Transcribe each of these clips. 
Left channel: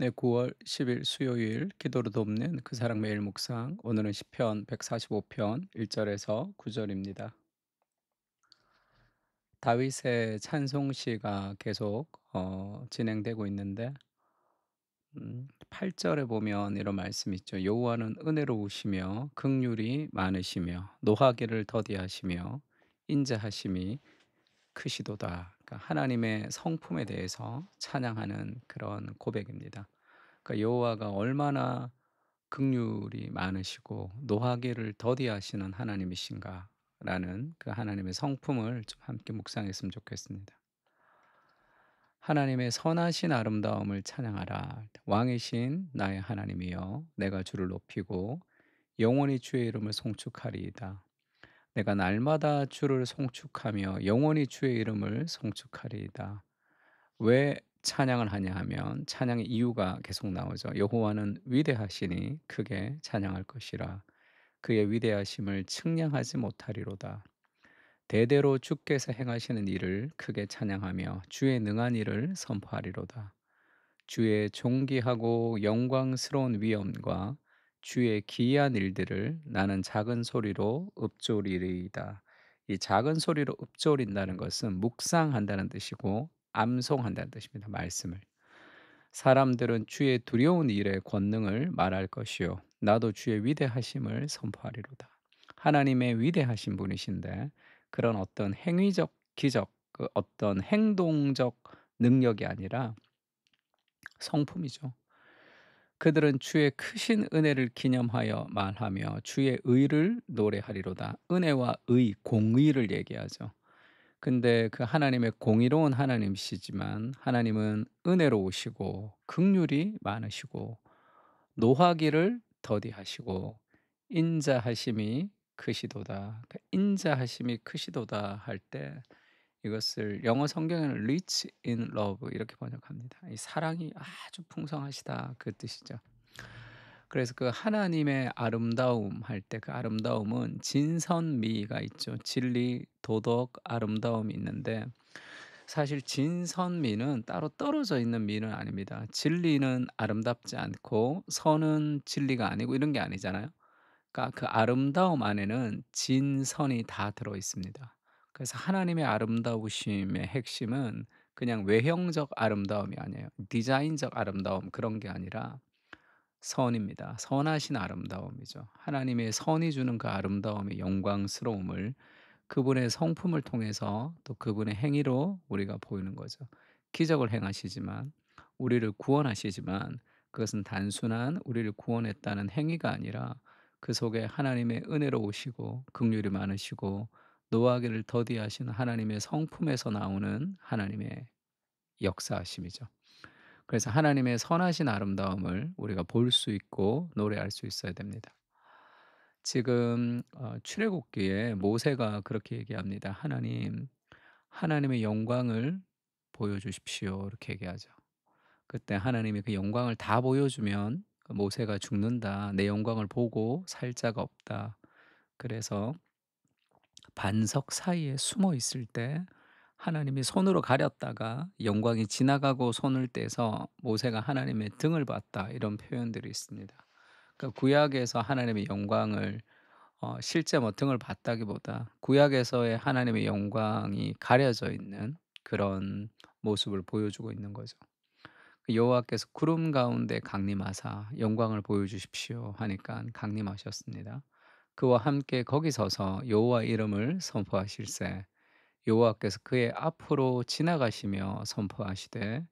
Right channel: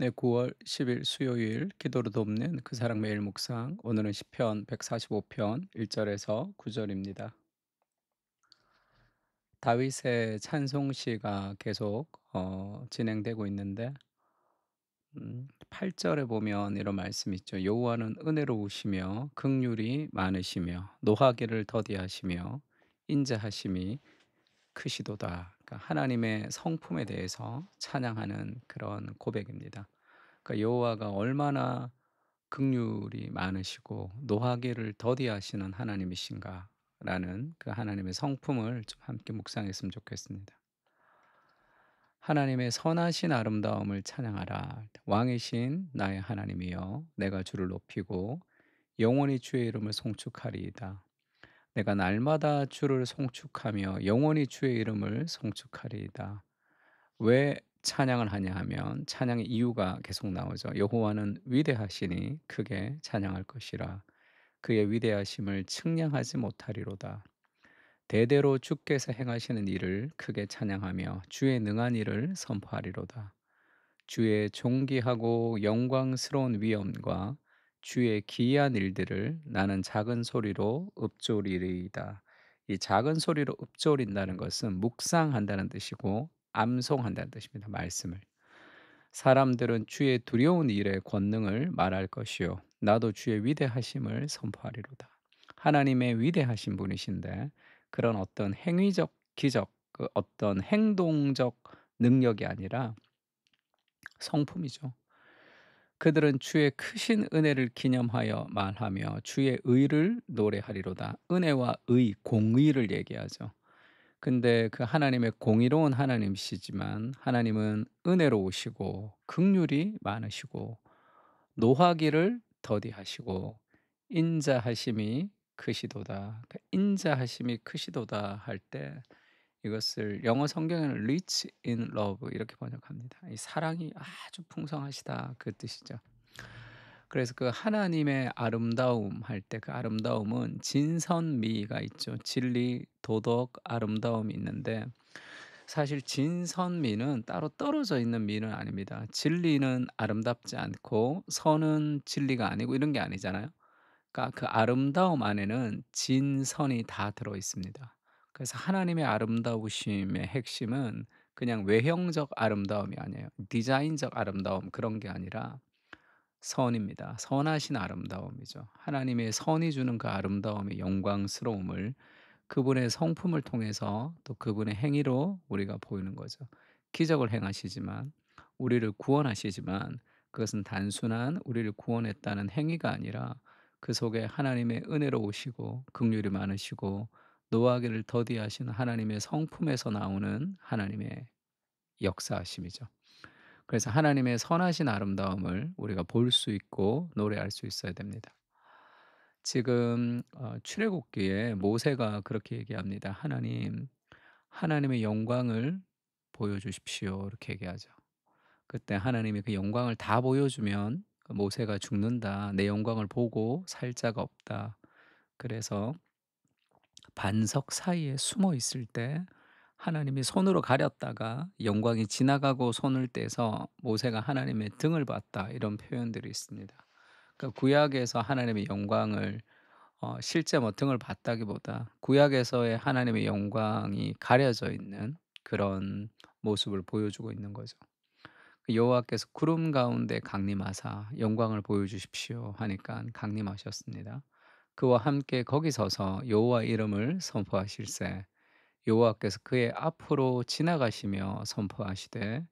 네, 9월 10일 수요일 기도로 돕는 그 사랑 매일 묵상. 오늘은 시편 145편 1절에서 9절입니다. 다윗의 찬송시가 계속 진행되고 있는데 8절에 보면 이런 말씀이 있죠. 여호와는 은혜로우시며 긍휼이 많으시며 노하기를 더디하시며 인자하심이 크시도다. 그러니까 하나님의 성품에 대해서 찬양하는 그런 고백입니다. 그러니까 여호와가 얼마나 긍휼이 많으시고 노하기를 더디하시는 하나님이신가라는 그 하나님의 성품을 좀 함께 묵상했으면 좋겠습니다. 하나님의 선하신 아름다움을 찬양하라. 왕이신 나의 하나님이여, 내가 주를 높이고 영원히 주의 이름을 송축하리이다. 내가 날마다 주를 송축하며 영원히 주의 이름을 송축하리이다. 왜 찬양을 하냐 하면 찬양의 이유가 계속 나오죠. 여호와는 위대하시니 크게 찬양할 것이라. 그의 위대하심을 측량하지 못하리로다. 대대로 주께서 행하시는 일을 크게 찬양하며 주의 능한 일을 선포하리로다. 주의 존귀하고 영광스러운 위엄과 주의 기이한 일들을 나는 작은 소리로 읊조리리이다. 이 작은 소리로 읊조린다는 것은 묵상한다는 뜻이고 암송한다는 뜻입니다. 말씀을. 사람들은 주의 두려운 일의 권능을 말할 것이요 나도 주의 위대하심을 선포하리로다. 하나님의 위대하신 분이신데 그런 어떤 행위적 기적, 그 어떤 행동적 능력이 아니라 성품이죠. 그들은 주의 크신 은혜를 기념하여 말하며 주의 의를 노래하리로다. 은혜와 의, 공의를 얘기하죠. 근데 그 하나님의 공의로운 하나님이시지만 하나님은 은혜로우시고 긍휼이 많으시고 노하기를 더디하시고 인자하심이 크시도다. 그 인자하심이 크시도다 할 때 이것을 영어 성경에는 rich in love 이렇게 번역합니다. 이 사랑이 아주 풍성하시다 그 뜻이죠. 그래서 그 하나님의 아름다움 할 때 그 아름다움은 진선미가 있죠. 진리, 도덕, 아름다움이 있는데 사실 진선미는 따로 떨어져 있는 미는 아닙니다. 진리는 아름답지 않고 선은 진리가 아니고 이런 게 아니잖아요. 그러니까 그 아름다움 안에는 진선이 다 들어 있습니다. 그래서 하나님의 아름다우심의 핵심은 그냥 외형적 아름다움이 아니에요. 디자인적 아름다움 그런 게 아니라 선입니다. 선하신 아름다움이죠. 하나님의 선이 주는 그 아름다움의 영광스러움을 그분의 성품을 통해서 또 그분의 행위로 우리가 보이는 거죠. 기적을 행하시지만 우리를 구원하시지만 그것은 단순한 우리를 구원했다는 행위가 아니라 그 속에 하나님의 은혜로우시고 긍휼이 많으시고 노하기를 더디하시는 하나님의 성품에서 나오는 하나님의 역사하심이죠. 그래서 하나님의 선하신 아름다움을 우리가 볼 수 있고 노래할 수 있어야 됩니다. 지금 출애굽기에 모세가 그렇게 얘기합니다. "하나님, 하나님의 영광을 보여주십시오." 이렇게 얘기하죠. 그때 하나님이 그 영광을 다 보여주면 그 모세가 죽는다. "내 영광을 보고 살 자가 없다." 그래서 반석 사이에 숨어 있을 때 하나님이 손으로 가렸다가 영광이 지나가고 손을 떼서 모세가 하나님의 등을 봤다. 이런 표현들이 있습니다. 그러니까 구약에서 하나님의 영광을 실제 뭐 등을 봤다기보다 구약에서의 하나님의 영광이 가려져 있는 그런 모습을 보여주고 있는 거죠. 그 여호와께서 구름 가운데 강림하사 영광을 보여주십시오 하니까 강림하셨습니다. 그와 함께 거기 서서 여호와 이름을 선포하실세 여호와께서 그의 앞으로 지나가시며 선포하시되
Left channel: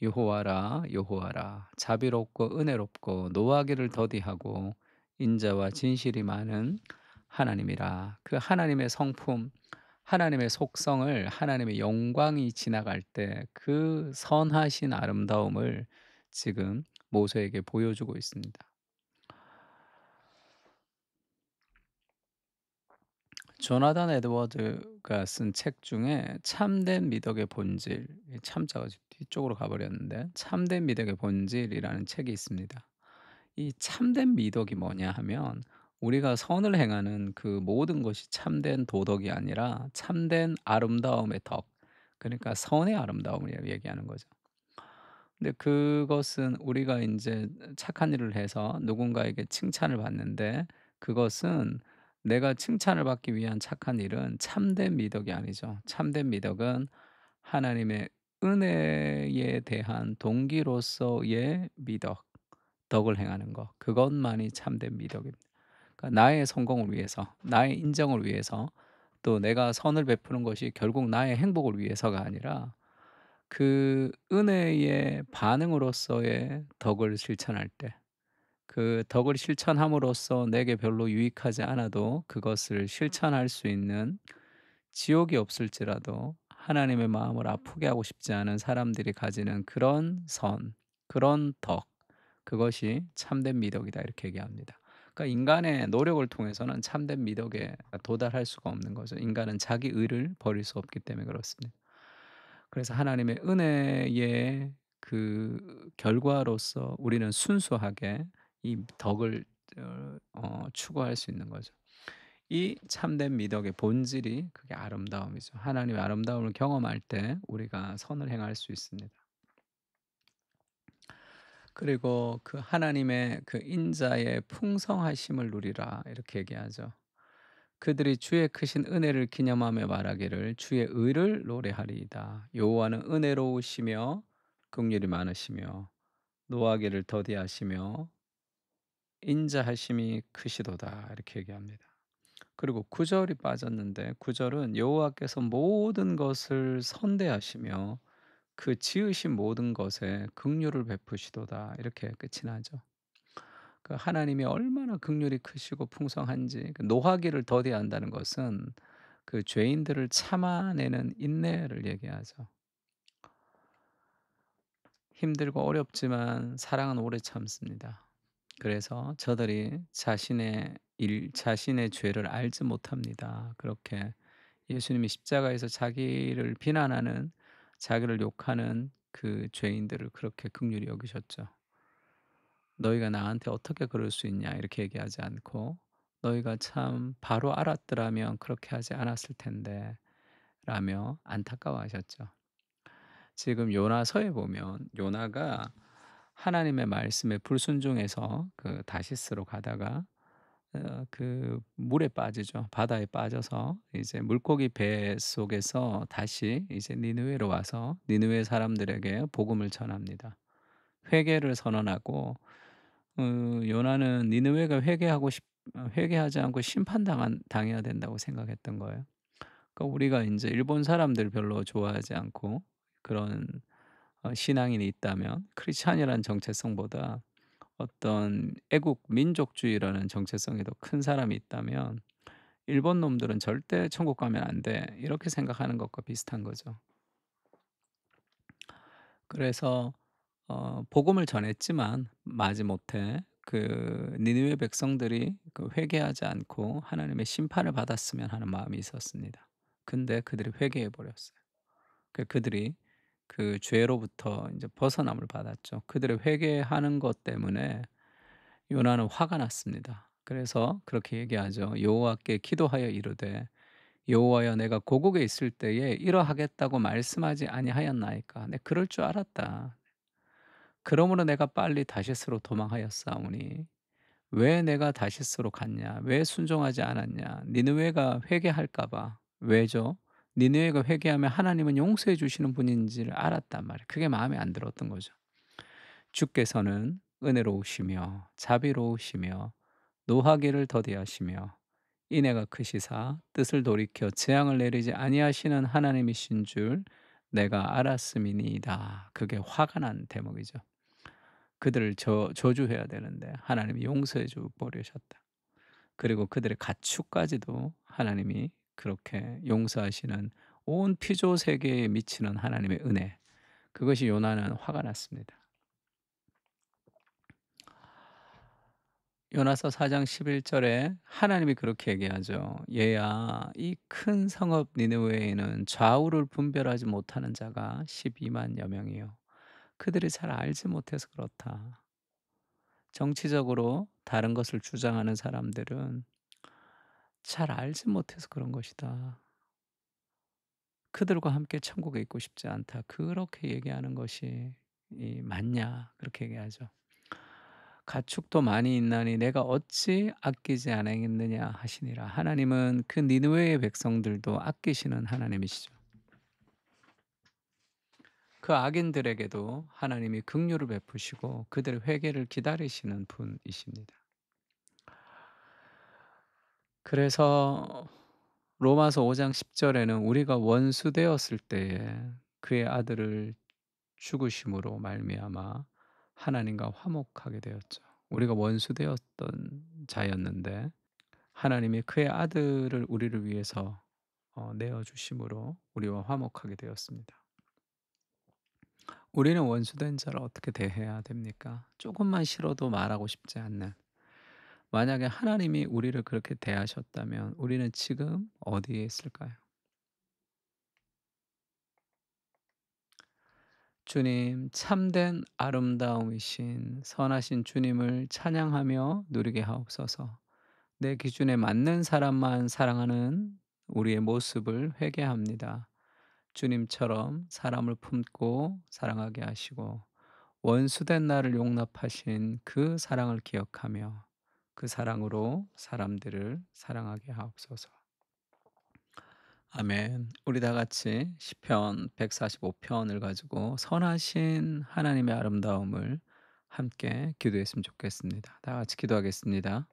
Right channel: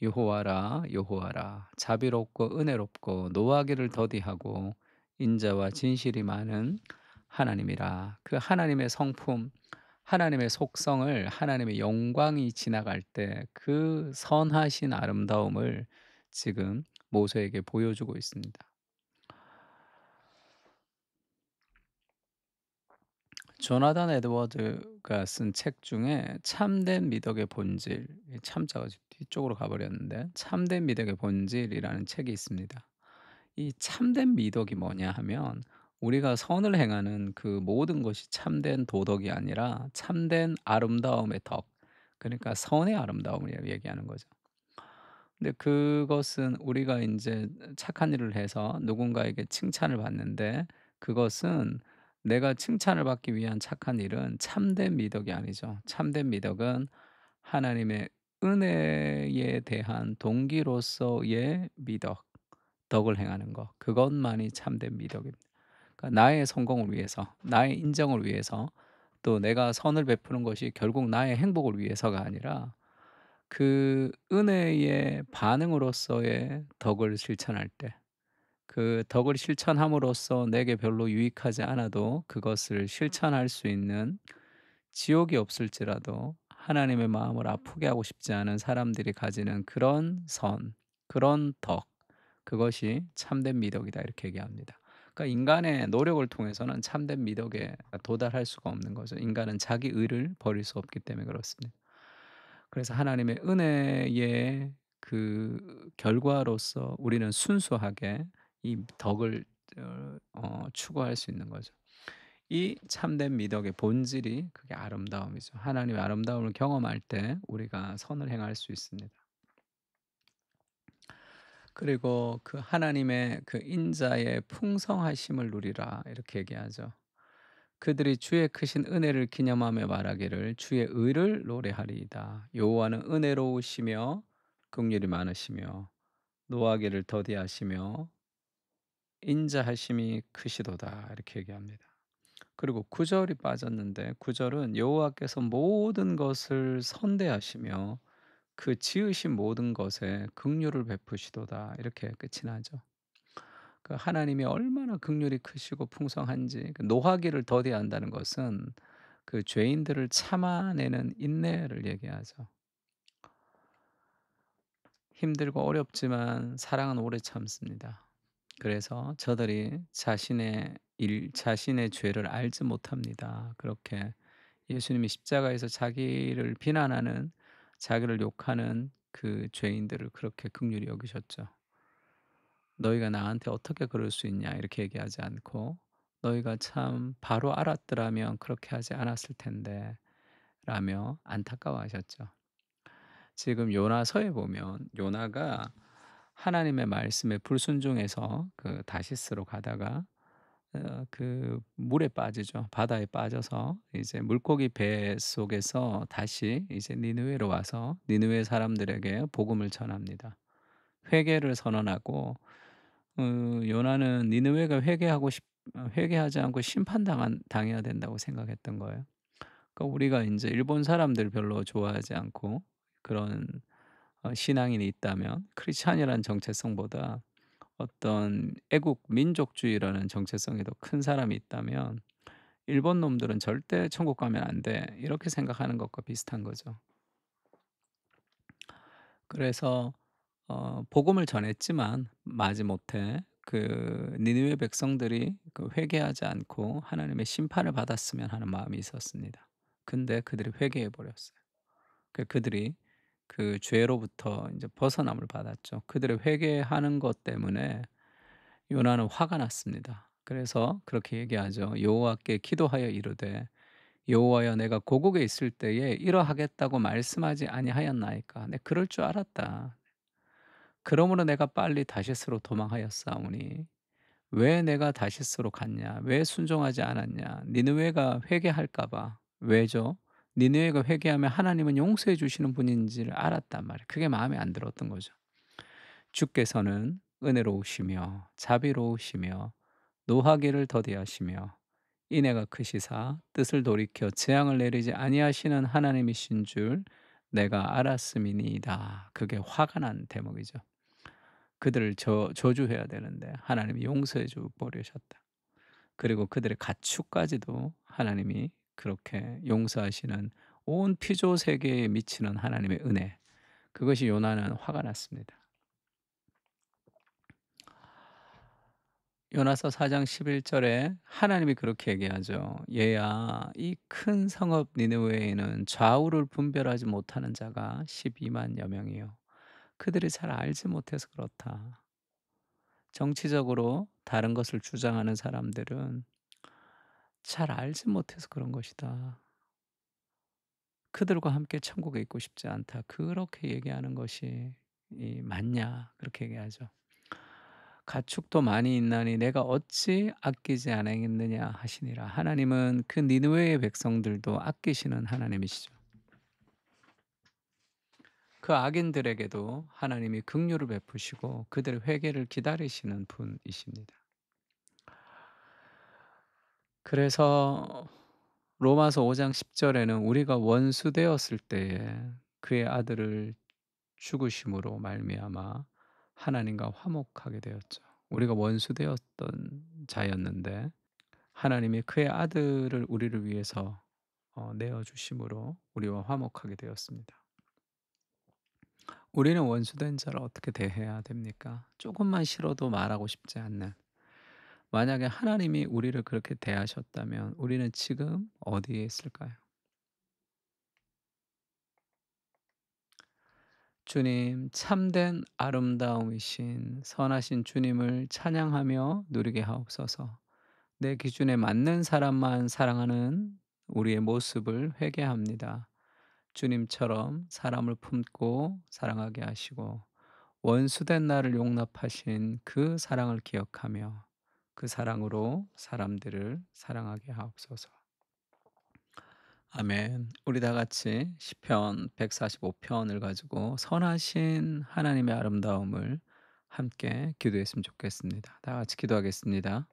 여호와라 여호와라 자비롭고 은혜롭고 노하기를 더디하고 인자와 진실이 많은 하나님이라. 그 하나님의 성품, 하나님의 속성을 하나님의 영광이 지나갈 때 그 선하신 아름다움을 지금 모세에게 보여주고 있습니다. 조나단 에드워드가 쓴 책 중에 참된 미덕의 본질, 이 참자가 지금 뒤쪽으로 가 버렸는데 참된 미덕의 본질이라는 책이 있습니다. 이 참된 미덕이 뭐냐 하면 우리가 선을 행하는 그 모든 것이 참된 도덕이 아니라 참된 아름다움의 덕, 그러니까 선의 아름다움을 얘기하는 거죠. 근데 그것은 우리가 인제 착한 일을 해서 누군가에게 칭찬을 받는데, 그것은 내가 칭찬을 받기 위한 착한 일은 참된 미덕이 아니죠. 참된 미덕은 하나님의 은혜에 대한 동기로서의 미덕, 덕을 행하는 것, 그것만이 참된 미덕입니다. 그러니까 나의 성공을 위해서, 나의 인정을 위해서, 또 내가 선을 베푸는 것이 결국 나의 행복을 위해서가 아니라 그 은혜의 반응으로서의 덕을 실천할 때, 그 덕을 실천함으로써 내게 별로 유익하지 않아도 그것을 실천할 수 있는, 지옥이 없을지라도 하나님의 마음을 아프게 하고 싶지 않은 사람들이 가지는 그런 선, 그런 덕, 그것이 참된 미덕이다, 이렇게 얘기합니다. 그러니까 인간의 노력을 통해서는 참된 미덕에 도달할 수가 없는 거죠. 인간은 자기 의를 버릴 수 없기 때문에 그렇습니다. 그래서 하나님의 은혜의 그 결과로서 우리는 순수하게 이 덕을 추구할 수 있는 거죠. 이 참된 미덕의 본질이 그게 아름다움이죠. 하나님의 아름다움을 경험할 때 우리가 선을 행할 수 있습니다. 그리고 그 하나님의 그 인자의 풍성하심을 누리라, 이렇게 얘기하죠. 그들이 주의 크신 은혜를 기념하며 말하기를 주의 의를 노래하리이다. 여호와는 은혜로우시며 긍휼이 많으시며 노하기를 더디하시며 인자하심이 크시도다, 이렇게 얘기합니다. 그리고 9절이 빠졌는데, 9절은 여호와께서 모든 것을 선대하시며 그 지으신 모든 것에 긍휼을 베푸시도다, 이렇게 끝이 나죠. 그 하나님이 얼마나 긍휼이 크시고 풍성한지, 그 노하기를 더디한다는 것은 그 죄인들을 참아내는 인내를 얘기하죠. 힘들고 어렵지만 사랑은 오래 참습니다. 그래서 저들이 자신의 죄를 알지 못합니다. 그렇게 예수님이 십자가에서 자기를 비난하는, 자기를 욕하는 그 죄인들을 그렇게 긍휼히 여기셨죠. "너희가 나한테 어떻게 그럴 수 있냐." 이렇게 얘기하지 않고 "너희가 참 바로 알았더라면 그렇게 하지 않았을 텐데." 라며 안타까워하셨죠. 지금 요나서에 보면 요나가 하나님의 말씀에 불순종해서 그 다시스로 가다가 그 물에 빠지죠. 바다에 빠져서 이제 물고기 배 속에서 다시 이제 니느웨로 와서 니느웨 사람들에게 복음을 전합니다. 회개를 선언하고 요나는 니느웨가 회개하지 않고 심판당한 당해야 된다고 생각했던 거예요. 그러니까 우리가 인제 일본 사람들 별로 좋아하지 않고 그런 신앙인이 있다면, 크리스찬이라는 정체성보다 어떤 애국 민족주의라는 정체성이 더 큰 사람이 있다면 '일본 놈들은 절대 천국 가면 안 돼.' 이렇게 생각하는 것과 비슷한 거죠. 그래서 복음을 전했지만 마지못해 그 니느웨 백성들이 그 회개하지 않고 하나님의 심판을 받았으면 하는 마음이 있었습니다. 근데 그들이 회개해 버렸어요. 그들이 그 죄로부터 인제 벗어남을 받았죠. 그들의 회개하는 것 때문에 요나는 화가 났습니다. 그래서 그렇게 얘기하죠. 여호와께 기도하여 이르되 여호와여, 내가 고국에 있을 때에 이러하겠다고 말씀하지 아니하였나이까. 내 그럴 줄 알았다. 그러므로 내가 빨리 다시스로 도망하였사오니 왜 내가 다시스로 갔냐? 왜 순종하지 않았냐? 니느웨가 회개할까 봐. 왜죠? 니느웨가 회개하면 하나님은 용서해 주시는 분인지를 알았단 말이에요. 그게 마음에 안 들었던 거죠. 주께서는 은혜로우시며 자비로우시며 노하기를 더디하시며 인애가 크시사 뜻을 돌이켜 재앙을 내리지 아니하시는 하나님이신 줄 내가 알았음이니이다. 그게 화가 난 대목이죠. 그들을 저주해야 되는데 하나님이 용서해 줘 버리셨다. 그리고 그들의 가축까지도 하나님이 그렇게 용서하시는, 온 피조 세계에 미치는 하나님의 은혜. 그것이 요나는 화가 났습니다. 요나서 4장 11 절에 하나님이 그렇게 얘기하죠. "얘야, 이 큰 성읍 니느웨에는 좌우를 분별하지 못하는 자가 12만 여 명이요. 그들이 잘 알지 못해서 그렇다." 정치적으로 다른 것을 주장하는 사람들은 "잘 알지 못해서 그런 것이다. 그들과 함께 천국에 있고 싶지 않다." 그렇게 얘기하는 것이 많냐 그렇게 얘기하죠. "가축도 많이 있나니 내가 어찌 아끼지 아니하겠느냐 하시니라." 하나님은 그 니느웨의 백성들도 아끼시는 하나님이시죠. 그 악인들에게도 하나님이 긍휼을 베푸시고 그들의 회개를 기다리시는 분이십니다. 그래서 로마서 5장 10 절에는 우리가 원수 되었을 때에 그의 아들을 죽으심으로 말미암아 하나님과 화목하게 되었죠. 우리가 원수 되었던 자였는데 하나님이 그의 아들을 우리를 위해서 내어 주심으로 우리와 화목하게 되었습니다. 우리는 원수된 자를 어떻게 대해야 됩니까? 조금만 싫어도 말하고 싶지 않는. 만약에 하나님이 우리를 그렇게 대하셨다면 우리는 지금 어디에 있을까요? 주님, 참된 아름다움이신 선하신 주님을 찬양하며 누리게 하옵소서. 내 기준에 맞는 사람만 사랑하는 우리의 모습을 회개합니다. 주님처럼 사람을 품고 사랑하게 하시고 원수된 나를 용납하신 그 사랑을 기억하며 그 사랑으로 사람들을 사랑하게 하옵소서. 아멘. 우리 다 같이 시편 145 편을 가지고 선하신 하나님의 아름다움을 함께 기도했으면 좋겠습니다. 다 같이 기도하겠습니다.